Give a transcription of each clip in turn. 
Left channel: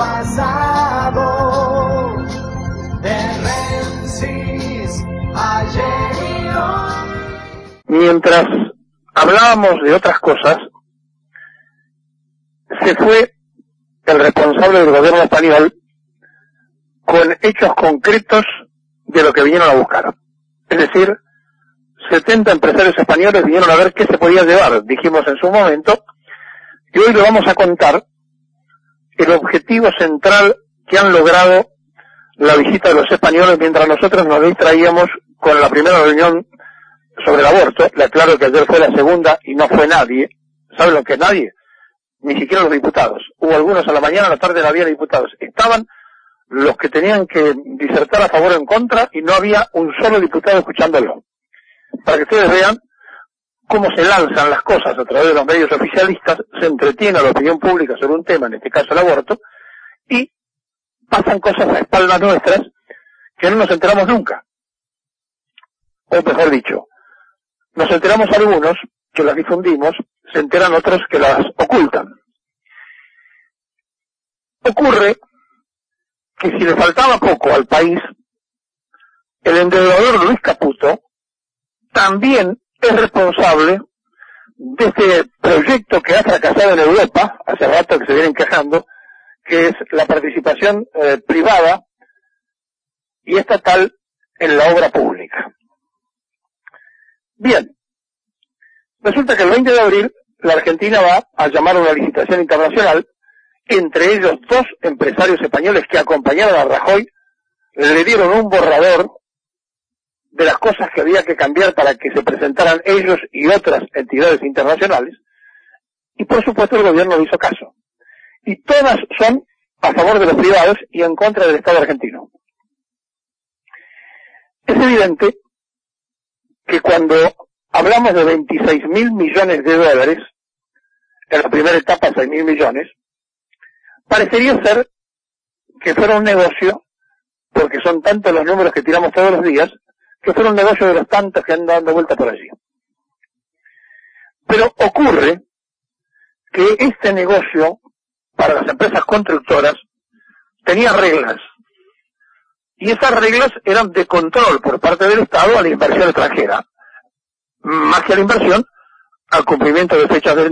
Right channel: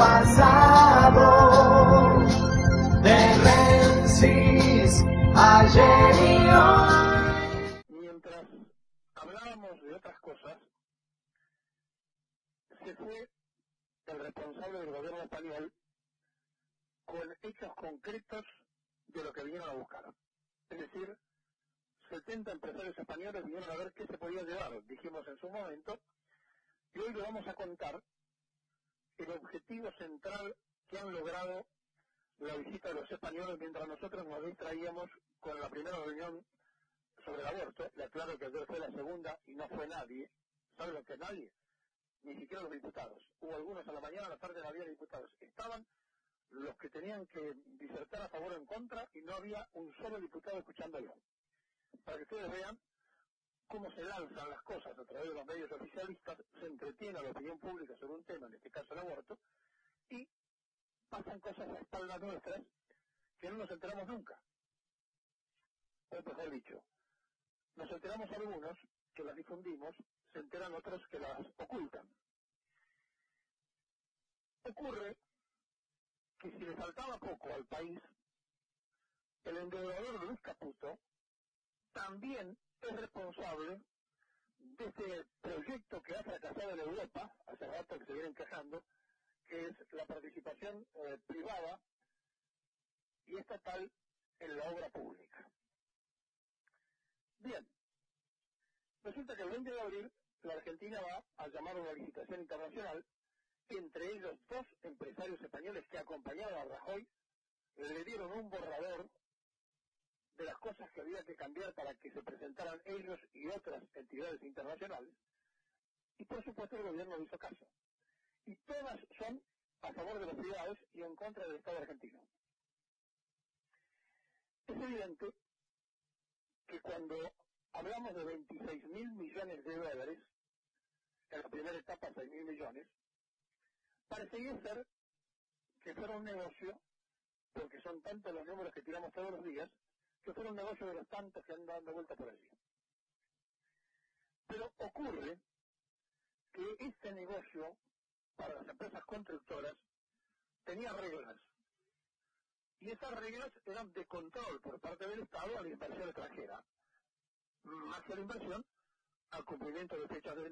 pasado, de Menzies, ayer y hoy. Mientras hablábamos de otras cosas, se fue el responsable del gobierno español con hechos concretos de lo que vinieron a buscar. Es decir, 70 empresarios españoles vinieron a ver qué se podía llevar, dijimos en su momento, y hoy le vamos a contar el objetivo central que han logrado la visita de los españoles mientras nosotros nos distraíamos con la primera reunión sobre el aborto. Le aclaro que ayer fue la segunda y no fue nadie. ¿Saben lo que es nadie? Ni siquiera los diputados. Hubo algunos a la mañana, a la tarde no había diputados. Estaban los que tenían que disertar a favor o en contra y no había un solo diputado escuchándolo. Para que ustedes vean cómo se lanzan las cosas a través de los medios oficialistas, se entretiene a la opinión pública sobre un tema, en este caso el aborto, y pasan cosas a espaldas nuestras que no nos enteramos nunca. O mejor dicho, nos enteramos algunos que las difundimos, se enteran otros que las ocultan. Ocurre que si le faltaba poco al país, el endeudador Luis Caputo también es responsable de este proyecto que ha fracasado en Europa, hace rato que se vienen quejando, que es la participación privada y estatal en la obra pública. Bien, resulta que el 20 de abril la Argentina va a llamar a una licitación internacional, entre ellos 2 empresarios españoles que acompañaron a Rajoy, le dieron un borrador de las cosas que había que cambiar para que se presentaran ellos y otras entidades internacionales, y por supuesto el gobierno no hizo caso. Y todas son a favor de los privados y en contra del Estado argentino. Es evidente que cuando hablamos de 26.000 millones de dólares, en la primera etapa 6.000 millones, parecería ser que fuera un negocio, porque son tantos los números que tiramos todos los días, que fuera un negocio de los tantos que andan dando vuelta por allí. Pero ocurre que este negocio, para las empresas constructoras, tenía reglas. Y esas reglas eran de control por parte del Estado a la inversión extranjera. Más que a la inversión, al cumplimiento de fechas de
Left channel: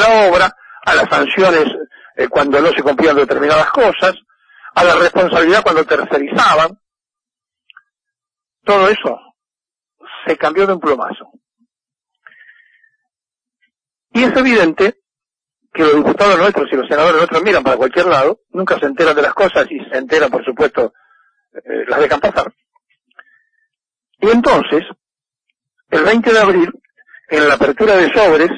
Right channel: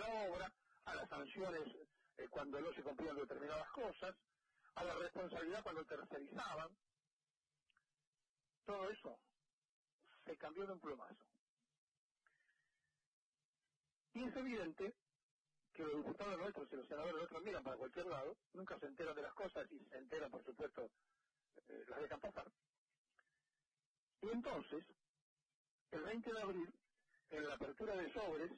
la obra, a las sanciones cuando no se cumplían determinadas cosas, a la responsabilidad cuando tercerizaban. Todo eso se cambió de un plumazo. Y es evidente que los diputados nuestros y los senadores nuestros miran para cualquier lado, nunca se enteran de las cosas y se enteran, por supuesto, las dejan pasar. Y entonces, el 20 de abril, en la apertura de sobres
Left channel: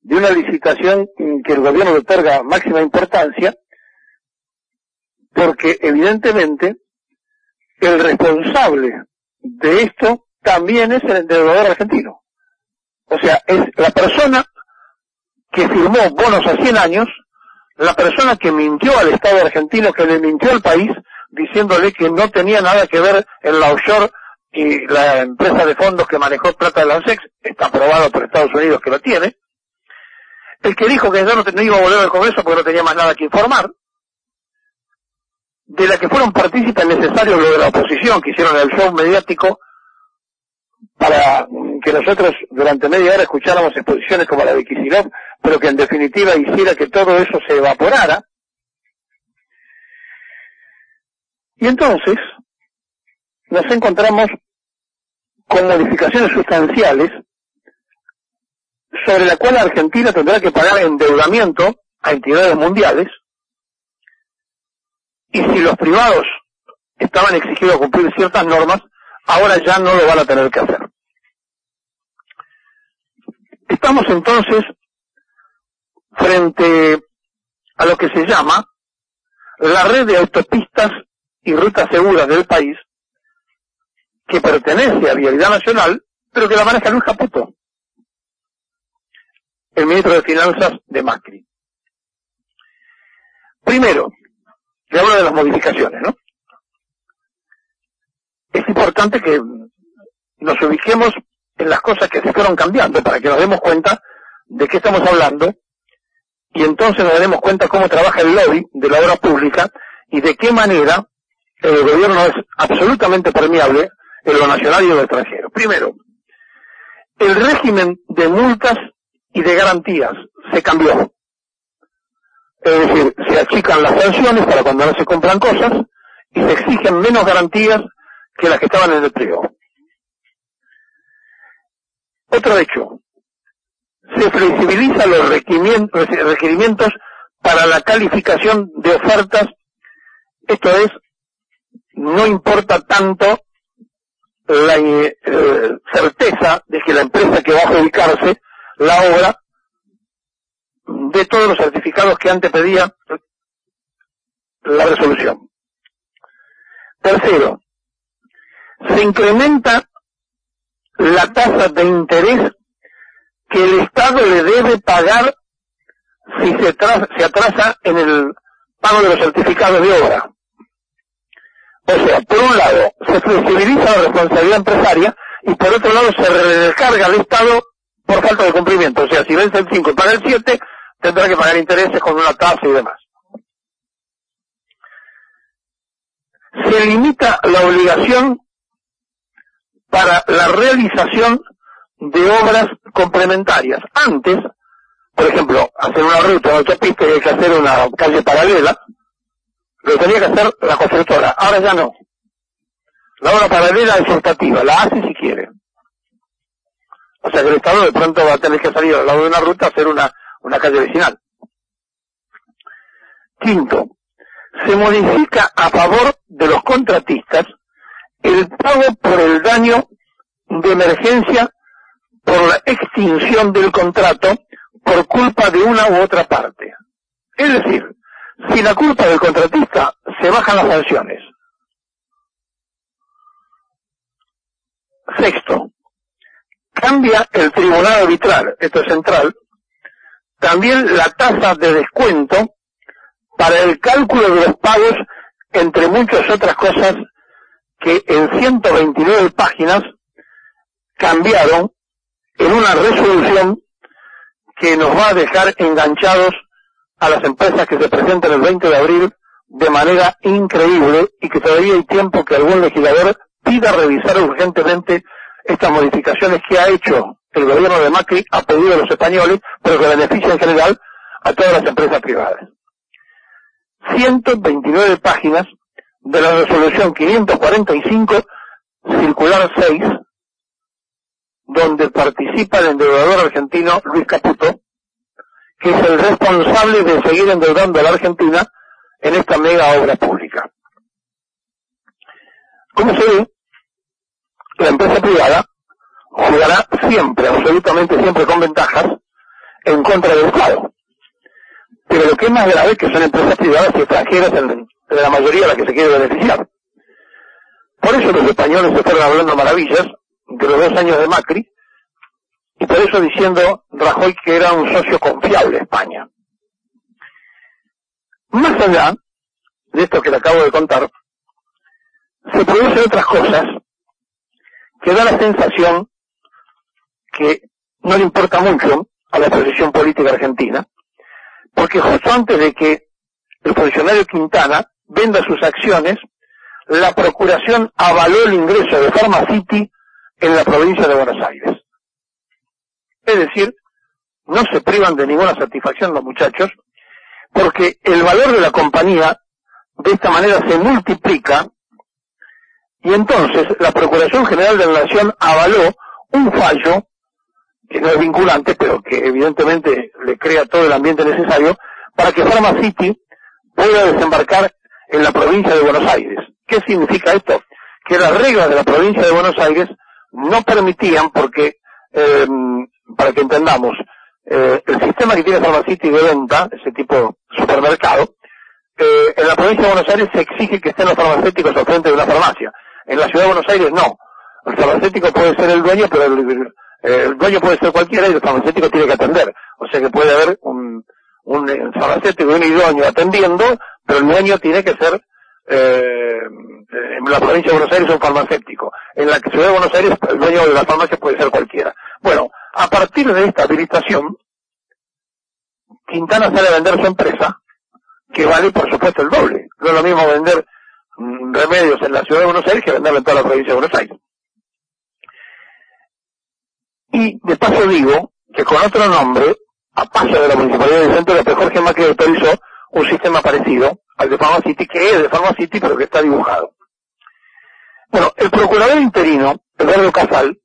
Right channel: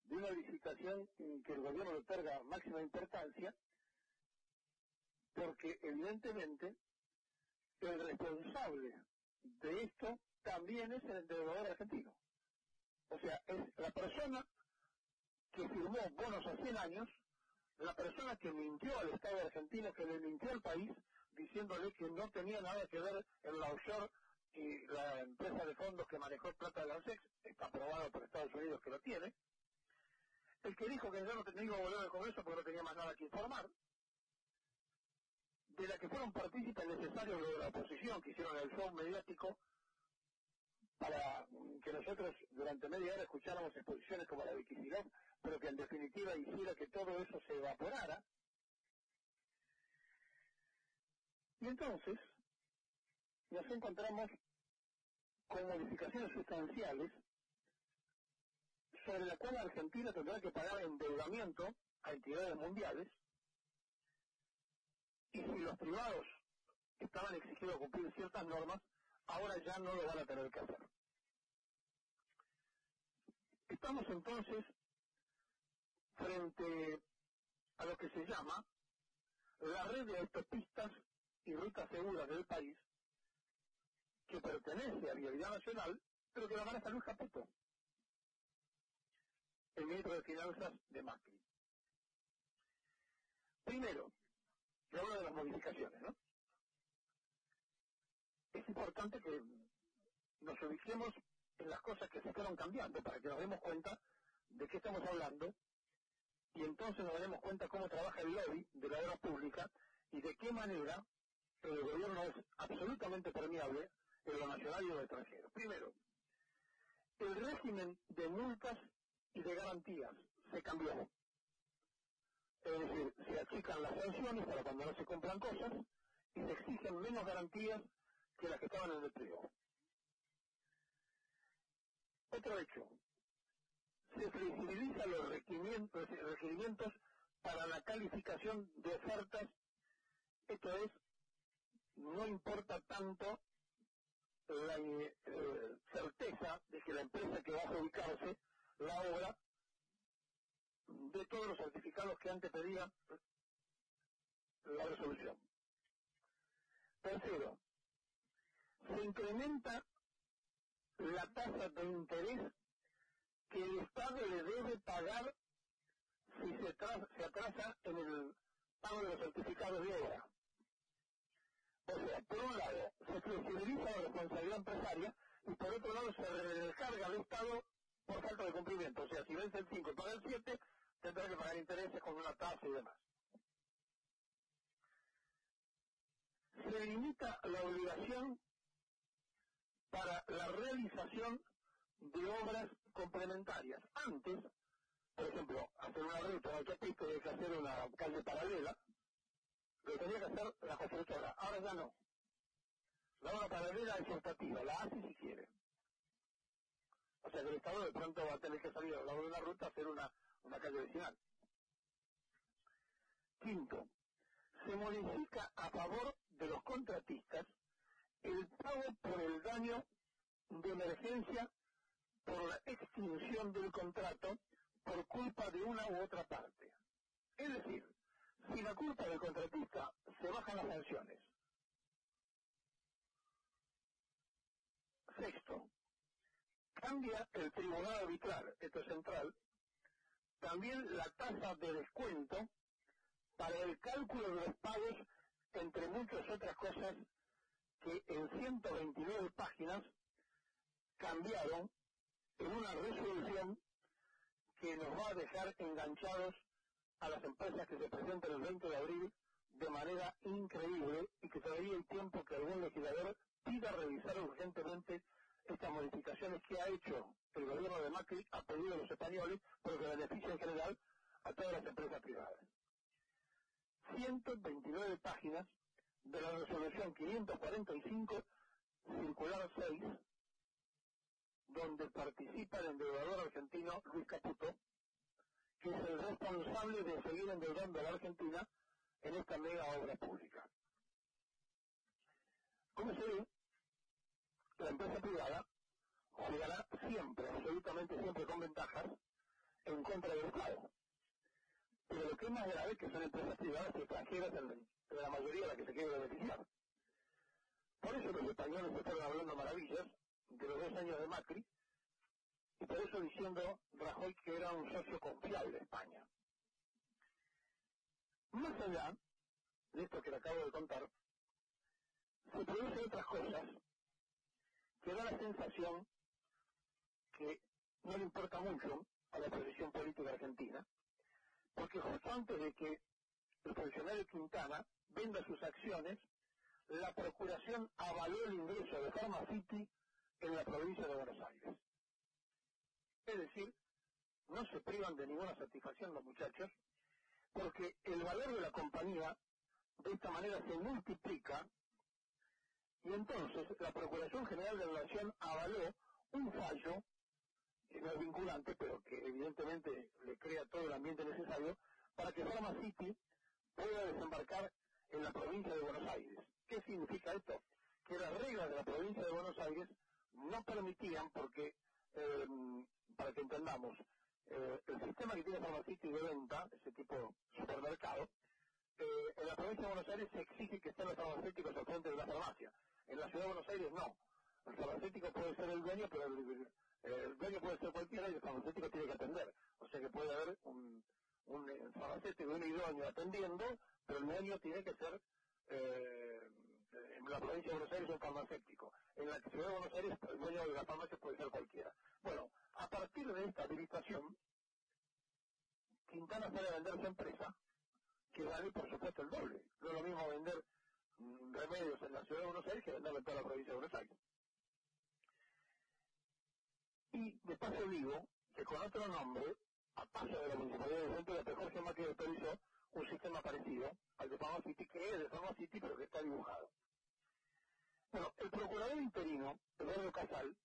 de una licitación que el gobierno le otorga máxima importancia, porque evidentemente el responsable de esto también es el endeudador argentino. O sea, es la persona que firmó bonos a 100 años, la persona que mintió al Estado argentino, que le mintió al país, diciéndole que no tenía nada que ver en la offshore y la empresa de fondos que manejó plata de la ANSEX, está aprobado por Estados Unidos que lo tiene, el que dijo que ya no iba a volver al Congreso porque no tenía más nada que informar, de la que fueron partícipes necesarios los de la oposición, que hicieron el show mediático para que nosotros durante media hora escucháramos exposiciones como la de Kicillof, pero que en definitiva hiciera que todo eso se evaporara. Y entonces nos encontramos con modificaciones sustanciales sobre la cual Argentina tendrá que pagar endeudamiento a entidades mundiales, y si los privados estaban exigidos a cumplir ciertas normas, ahora ya no lo van a tener que hacer. Estamos entonces frente a lo que se llama la red de autopistas y rutas seguras del país, que pertenece a Vialidad Nacional, pero que la maneja Luis Caputo, el ministro de Finanzas de Macri. Primero, le hablo de las modificaciones, ¿no? Es importante que nos ubiquemos en las cosas que se fueron cambiando para que nos demos cuenta de qué estamos hablando y entonces nos daremos cuenta cómo trabaja el lobby de la obra pública y de qué manera el gobierno es absolutamente permeable en lo nacional y en lo extranjero. Primero, el régimen de multas y de garantías se cambió. Es decir, se achican las sanciones para cuando no se compran cosas y se exigen menos garantías que las que estaban en el pliego. Otro hecho, se flexibiliza los requerimientos para la calificación de ofertas. Esto es, no importa tanto la certeza de que la empresa que va a adjudicarse la obra de todos los certificados que antes pedía la resolución. Tercero, se incrementa la tasa de interés que el Estado le debe pagar si se atrasa en el pago de los certificados de obra. O sea, por un lado, se flexibiliza la responsabilidad empresaria y por otro lado se recarga al Estado por falta de cumplimiento. O sea, si vence el 5 y paga el 7, tendrá que pagar intereses con una tasa y demás. Se limita la obligación para la realización de obras complementarias. Antes, por ejemplo, hacer una ruta de autopista y hay que hacer una calle paralela, lo tenía que hacer la constructora. Ahora ya no. La obra paralela es optativa, la hace si quiere. O sea que el Estado de pronto va a tener que salir al lado de una ruta a hacer una calle vecinal. Quinto, se modifica a favor de los contratistas el pago por el daño de emergencia por la extinción del contrato por culpa de una u otra parte. Es decir, si la culpa del contratista, se bajan las sanciones. Sexto, cambia el tribunal arbitral, esto es central, también la tasa de descuento para el cálculo de los pagos, entre muchas otras cosas que en 129 páginas cambiaron en una resolución que nos va a dejar enganchados a las empresas que se presentan el 20 de abril de manera increíble y que todavía hay tiempo que algún legislador pida revisar urgentemente estas modificaciones que ha hecho el gobierno de Macri a pedido de los españoles, pero que beneficia en general a todas las empresas privadas. 129 páginas de la resolución 545, circular 6, donde participa el endeudador argentino Luis Caputo, que es el responsable de seguir endeudando a la Argentina en esta mega obra pública. Como se ve, la empresa privada jugará siempre, absolutamente siempre con ventajas, en contra del Estado. Pero lo que es más grave es que son empresas privadas y extranjeras en la mayoría las que se quiere beneficiar. Por eso los españoles se fueron hablando maravillas de los 2 años de Macri, y por eso diciendo Rajoy que era un socio confiable España. Más allá de esto que le acabo de contar, se producen otras cosas que da la sensación que no le importa mucho a la posición política argentina, porque justo antes de que el funcionario Quintana venda sus acciones, la Procuración avaló el ingreso de Pharmacity en la provincia de Buenos Aires. Es decir, no se privan de ninguna satisfacción los muchachos, porque el valor de la compañía de esta manera se multiplica, y entonces la Procuración General de la Nación avaló un fallo, que no es vinculante, pero que evidentemente le crea todo el ambiente necesario, para que Pharmacity pueda desembarcar en la provincia de Buenos Aires. ¿Qué significa esto? Que las reglas de la provincia de Buenos Aires no permitían, porque, para que entendamos, el sistema que tiene Pharmacity de venta, ese tipo supermercado, en la provincia de Buenos Aires se exige que estén los farmacéuticos al frente de una farmacia. En la ciudad de Buenos Aires no. El farmacéutico puede ser el dueño, pero el dueño puede ser cualquiera y el farmacéutico tiene que atender. O sea que puede haber un farmacéutico y un idóneo atendiendo, pero el dueño tiene que ser, en la provincia de Buenos Aires, un farmacéutico. En la ciudad de Buenos Aires, el dueño de la farmacia puede ser cualquiera. Bueno, a partir de esta habilitación, Quintana sale a vender su empresa, que vale por supuesto el doble. No es lo mismo vender remedios en la ciudad de Buenos Aires que venderlo en toda la provincia de Buenos Aires. Y de paso digo que con otro nombre, a paso de la Municipalidad de Vicente López, Jorge Macri autorizó un sistema parecido al de Pharmacity, que es de Pharmacity pero que está dibujado. Bueno, el procurador interino, Eduardo Casal,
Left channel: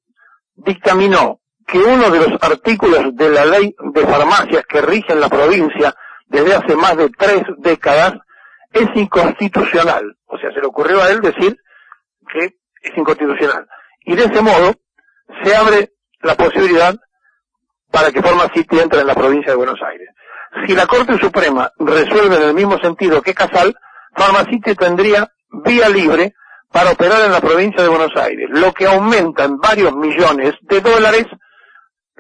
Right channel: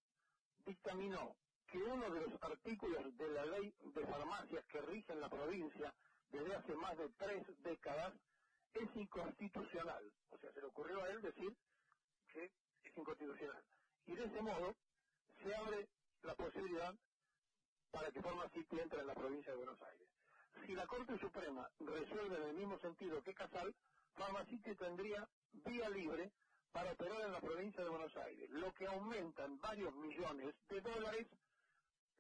dictaminó que uno de los artículos de la ley de farmacias que rige en la provincia desde hace más de 3 décadas es inconstitucional. O sea, se le ocurrió a él decir que es inconstitucional. Y de ese modo se abre la posibilidad para que Pharmacity entre en la provincia de Buenos Aires. Si la Corte Suprema resuelve en el mismo sentido que Casal, Pharmacity tendría vía libre para operar en la provincia de Buenos Aires, lo que aumenta en varios millones de dólares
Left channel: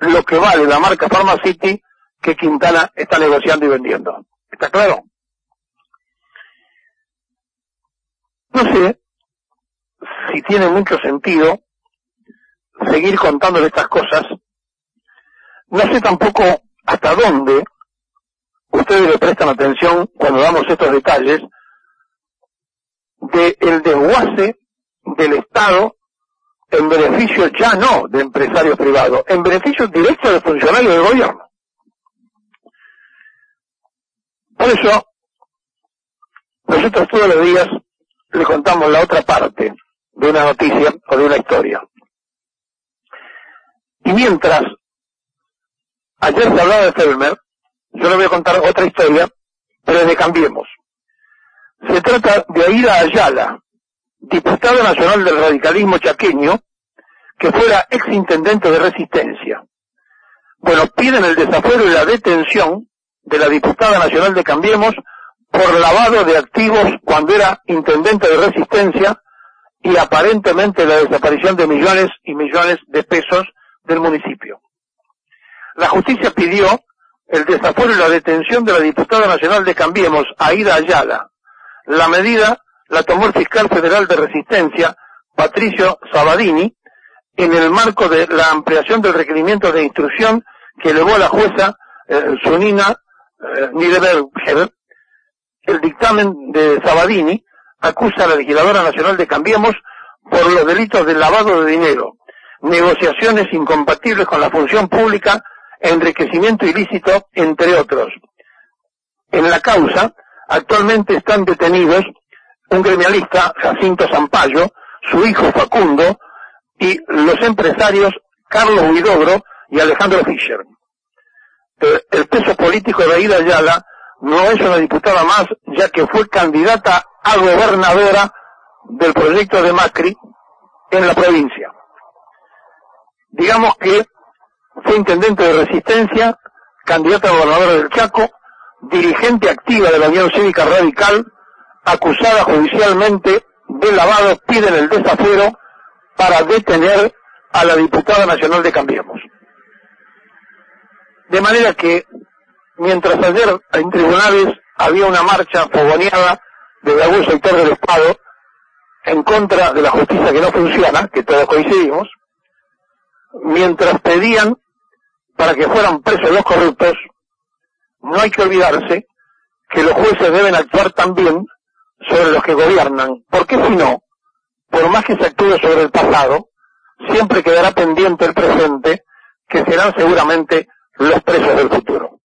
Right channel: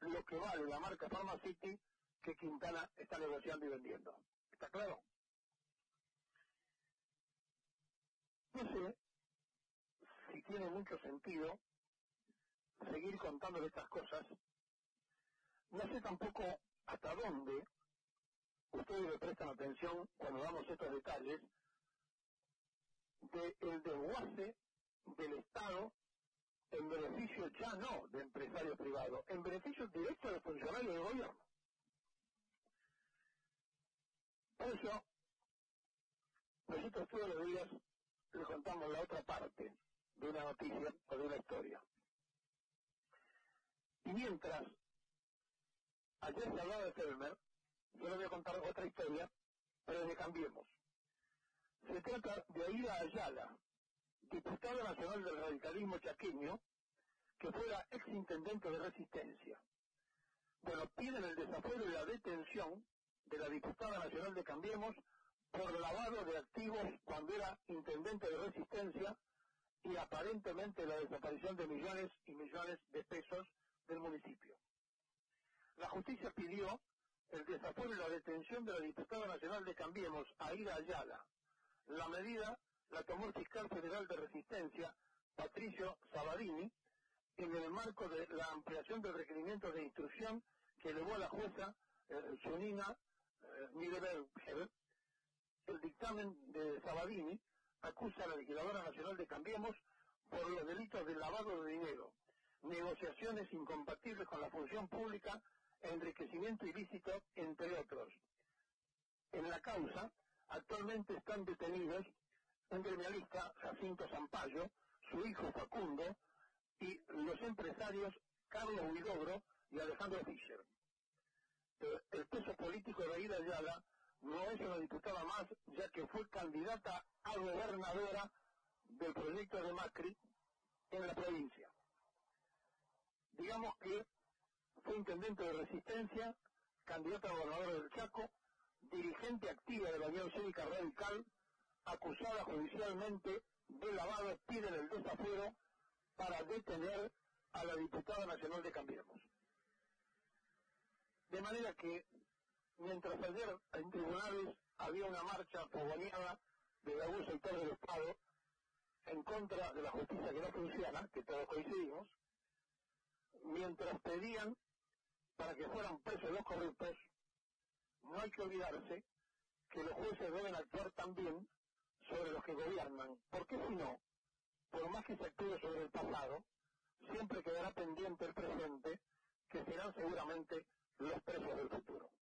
lo que vale la marca Pharmacity que Quintana está negociando y vendiendo. ¿Está claro? No sé si tiene mucho sentido seguir contándole estas cosas. No sé tampoco hasta dónde ustedes le prestan atención cuando damos estos detalles del desguace del Estado en beneficio ya no de empresarios privados, en beneficio directo de funcionarios del gobierno. Por eso, nosotros todos los días le contamos la otra parte de una noticia o de una historia. Y mientras ayer se hablaba de Felmer, yo le voy a contar otra historia, pero de Cambiemos. Se trata de Aida Ayala, diputada nacional del radicalismo chaqueño, que fuera exintendente de Resistencia. Bueno, piden el desafuero y la detención de la diputada nacional de Cambiemos por lavado de activos cuando era intendente de Resistencia y aparentemente la desaparición de millones y millones de pesos del municipio. La justicia pidió el desafuero y la detención de la diputada nacional de Cambiemos, Aida Ayala. La medida la tomó el fiscal federal de Resistencia, Patricio Sabadini, en el marco de la ampliación del requerimiento de instrucción que elevó la jueza Sunina Niederberger. El dictamen de Sabadini acusa a la legisladora nacional de Cambiemos por los delitos de lavado de dinero, negociaciones incompatibles con la función pública, enriquecimiento ilícito, entre otros. En la causa, actualmente están detenidos un gremialista, Jacinto Zampayo, su hijo Facundo, y los empresarios Carlos Huidobro y Alejandro Fischer. El peso político de Aida Ayala no es una diputada más, ya que fue candidata a gobernadora del proyecto de Macri en la provincia. Digamos que fue intendente de Resistencia, candidata a gobernadora del Chaco, dirigente activa de la Unión Cívica Radical, acusada judicialmente de lavado. Piden el desafuero para detener a la diputada nacional de Cambiemos. De manera que, mientras ayer en tribunales había una marcha fogoneada desde algún sector del Estado en contra de la justicia que no funciona, que todos coincidimos, mientras pedían para que fueran presos los corruptos, no hay que olvidarse que los jueces deben actuar también sobre los que gobiernan, porque si no, por más que se actúe sobre el pasado, siempre quedará pendiente el presente, que serán seguramente los presos del futuro.